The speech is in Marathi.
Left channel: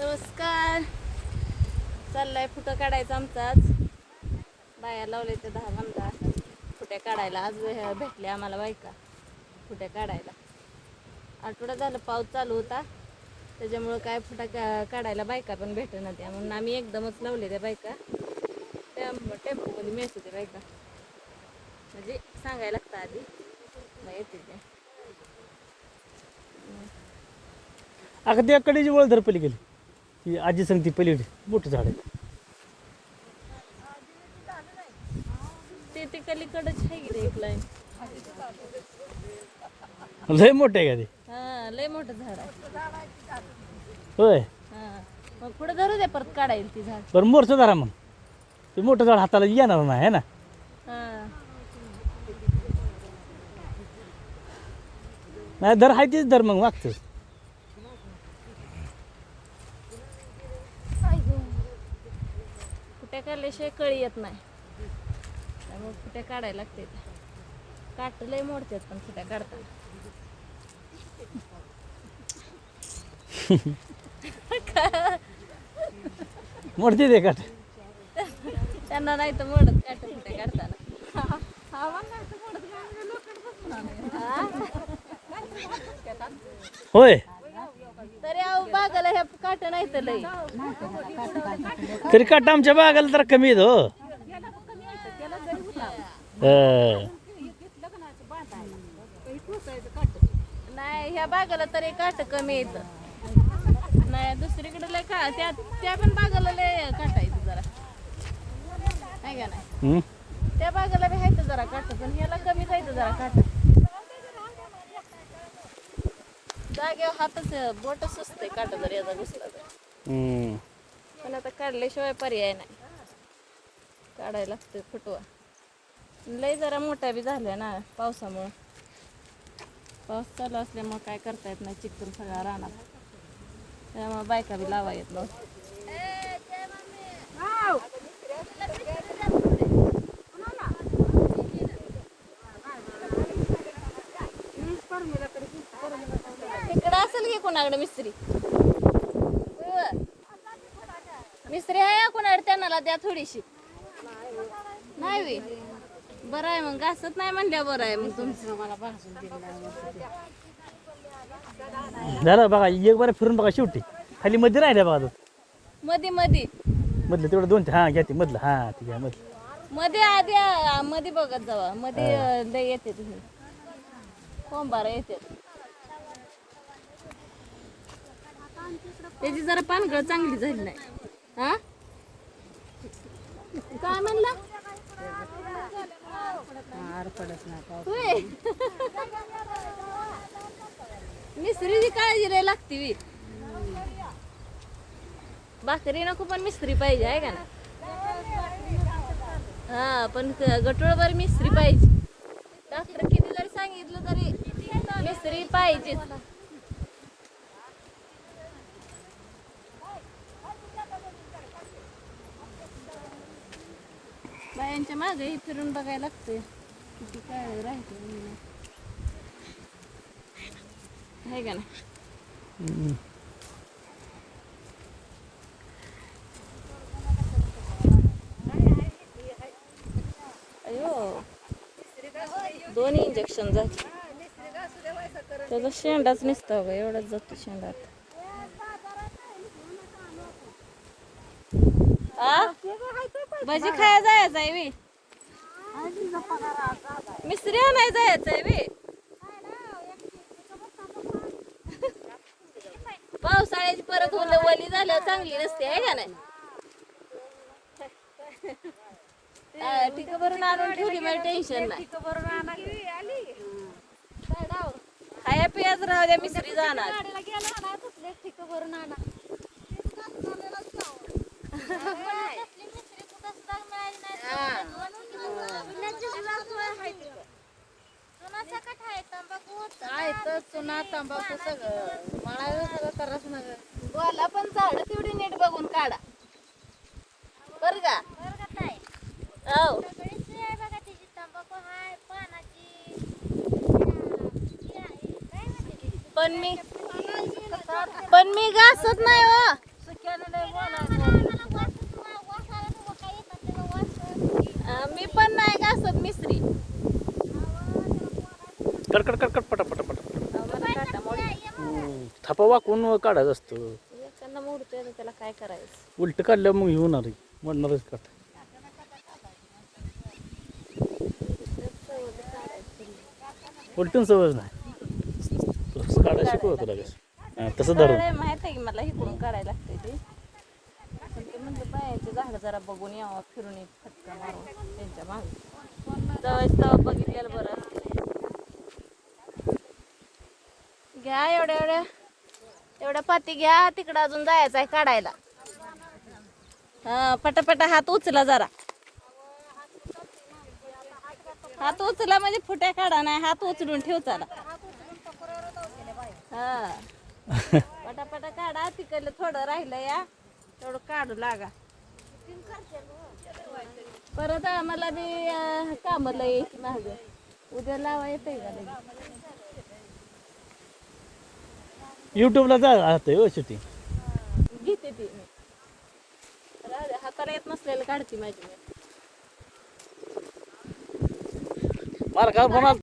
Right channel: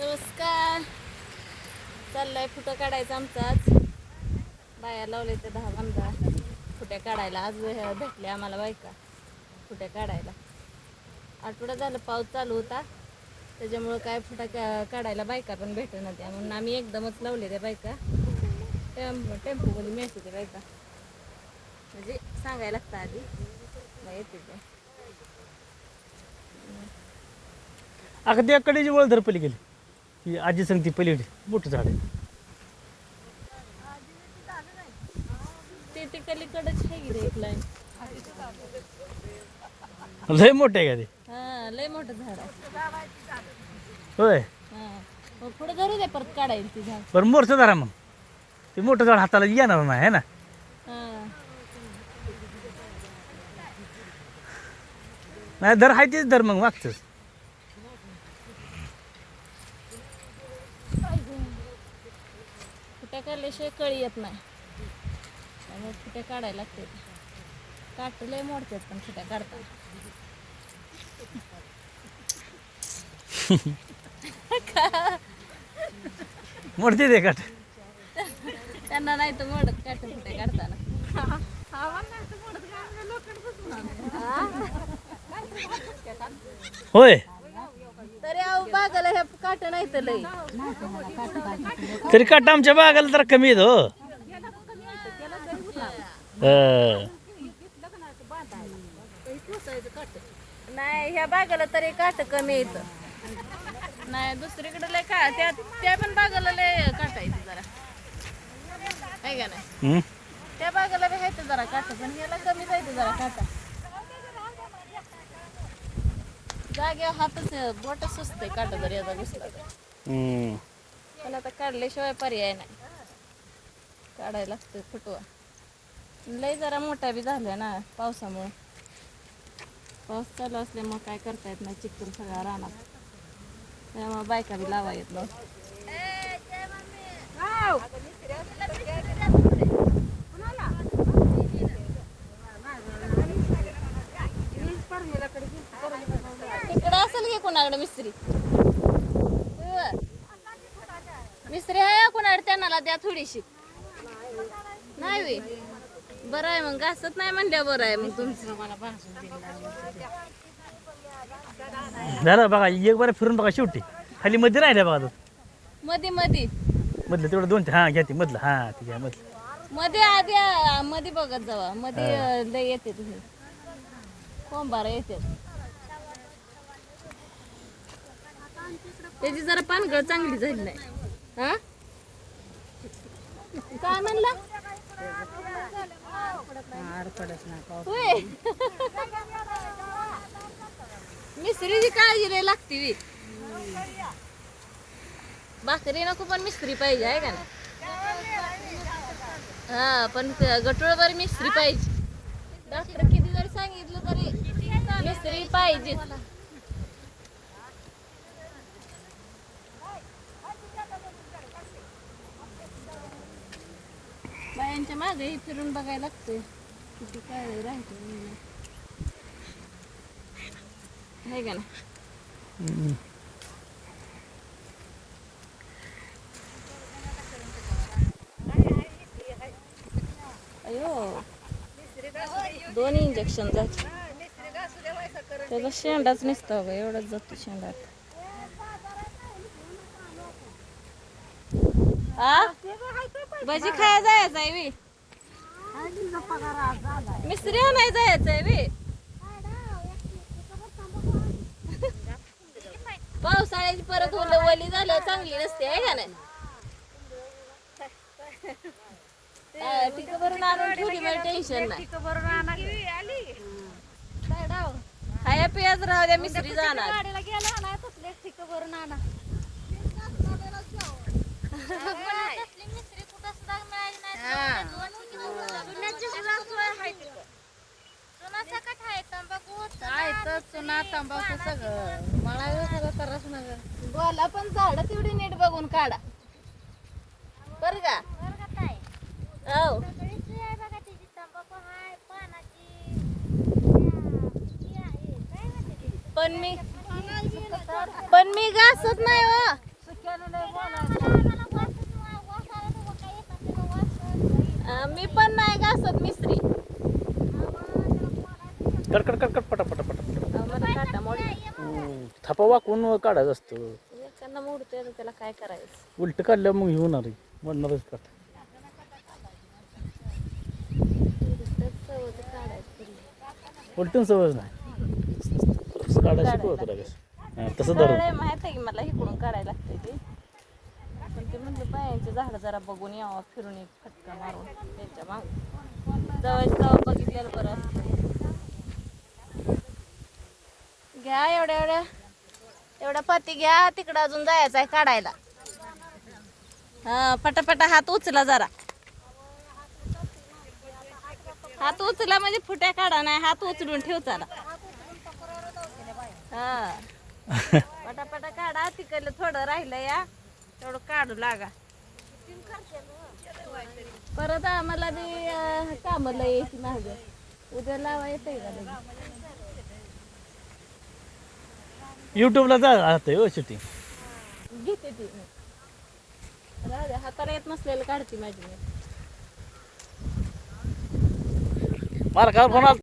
नमस्कार. चाललाय फुटं काढायचं आमचा आज. बाया लावले ते दहा पंधरा. फुट्या काढायला आज भेटले आम्हाला बायका. फुट्या काढायला. आठवडा झालं पाऊस चालू होता. त्याच्यामुळं काय फुटा का काढायला बायका पण भेटणार त्या म्हणून आम्ही एकदमच लावले त्या बायका. त्या टेम्पोमध्ये मिळते त्या बायका. म्हणजे सांगायला लागतं आधी. नाही येते त्या अगं त्या जी वळधर गेली ती आजी सांगते पलीकडे मोठं झाड आहे. ते ते कलीकडच आहे की रे एक लाईन लय मोठं आहे का ते? हा लय मोठं झाड आहे. होय? हा. मग पुढे धरू दे परत काढायला ती झाड. बरं मोरचं धरा मग. ते मोठं झाड हाताला येणार नाही है ना? हा. नाही धर आहे तेच धर मग मागचंच. फुट्या काढल्याशिवाय कळी येत नाही. त्यामुळे फुट्या काढायला लागते काट लय मोडतात पण फुट्या काढतात मोडते ते काट. त्यांना नाही तर मोडत काट फुट्या काढताना. होय तरी अहो बागाला ह्या नाही तर लय तरी काट आमच्या बागाला जरा कमी येतो हो. नाही ह्या बागाला तरी काट कमी येतं नाही दुसरीकडे लय का त्या त्या पण बागाला लय काटा येते जरा. आहे का नाही? त्या बागाला बी जरा काटा पण ह्याला कमी जायचं जरा काटा. जाग्या हातच बोट सुचते काटा जर याचा घुसला तर. हं. पण आता काढल्याशिवाय पर्याय नाही. काढायला लागते फुटवा. लय जरा मोठा बी झाला ना पावसामुळं. पाऊस चालू असल्यामुळं काय करता येत नाही चिकन सगळा रानात. त्यामुळे बायका बी लावा येत नव्हतं तिकडं असेल की कोणाकडे? मिस्त्री. मिस्त्री आहे कोणाकडे? त्यांना द्या थोडीशी. नाही बरं आहे मग. घासत नाही म्हणल्या बरं आहे मग तुमचं. झालं बघा एक बार फिरून बघा शेवटी. खाली मध्ये राहिल्या बघा तो. मध्ये मध्ये मधलं तेवढं दोन ते हां घ्या ते मधलं. हां ठीक आहे मधलं. मध्ये आधी आ, मध्ये बघत जावा. मध्ये लय येते तिथे. कोंबार येते त्याची जरा पानगळ चांगली झाली नाही. हा? काय म्हणला. मिस्त्रीची काळजी लय लागते वी भाकरी नको पण मिस्त्री पाहिजे आहे का ना हा पण गटोळभर मिस्त्री पाहिजे. डॉक्टर किती जरी सांगितलं तरी. मिस्त्री पाहिजे बायांच्या मागे फिरून बघायला लागते किती काय राहते आहे का ना. अयो दोन इंजेक्शन जात त्याचा शेंडाच नसतं बघा एवढाच जातो शेंडा आ? भाजी खाया जायचं आहे मी मिस्त्री नाही जायचं आहे मी पावसाळ्याची परत मुलं वली झाल्यावर चांगली नसते आहे का नाही? तिथं भरून आणून ठेवली मला टेन्शन नाही. खाया पियाच राहू द्या मिसरी जाणार. चुना तंबाखू सगळं मला सगळं तरच ना बोला पण झाडं तेवढी नीट बघून काढा बर का हो पण मी पण मी घासत नाही हो मी पण नाही घासत मिसरी कडकड कडकड पटा पटा पटा पटा. अहो, मला काटा मोडी हम्म. थापा वाकून काढायचं असतं. मोडतोय तर त्याला काय करायचं? उलट काढल्यावर मग हे होणार आहे. म्हणणारच का उलटून सवय नाही. तसं काढायला शिकवत तुला कसं हां, तसं धरून. माहीत आहे की मला इकडून काढायला लागते ते? पण ते म्हणलं बायांचे झाड जरा बघून यावं फिरून एक फटका मारून त्यांच्या मागे. जवळ जवळ बघितलेलं बरं असतं. घ्या एवढ्या एवढ्या. एवढ्या पाती घ्या तिकडं अजून जायचं आहे काढायला. हा पटापटा हात उचला जरा. हात उचला म्हणजे फुट्या काढा नाही हात उचलून ठेव चला हा. पटापटा काढा तिकडलं थोडं राहिलं या. थोडं काढू लागा. परत आम्हाला बी अं, कामाला यायची माग. उद्या लावा येते का लगेच? युट्यूबला जा आता हो शेती घेते ती मी. राहू द्या, हाताला येत नसलेलं काढते माझी मी. मला काल फोन आला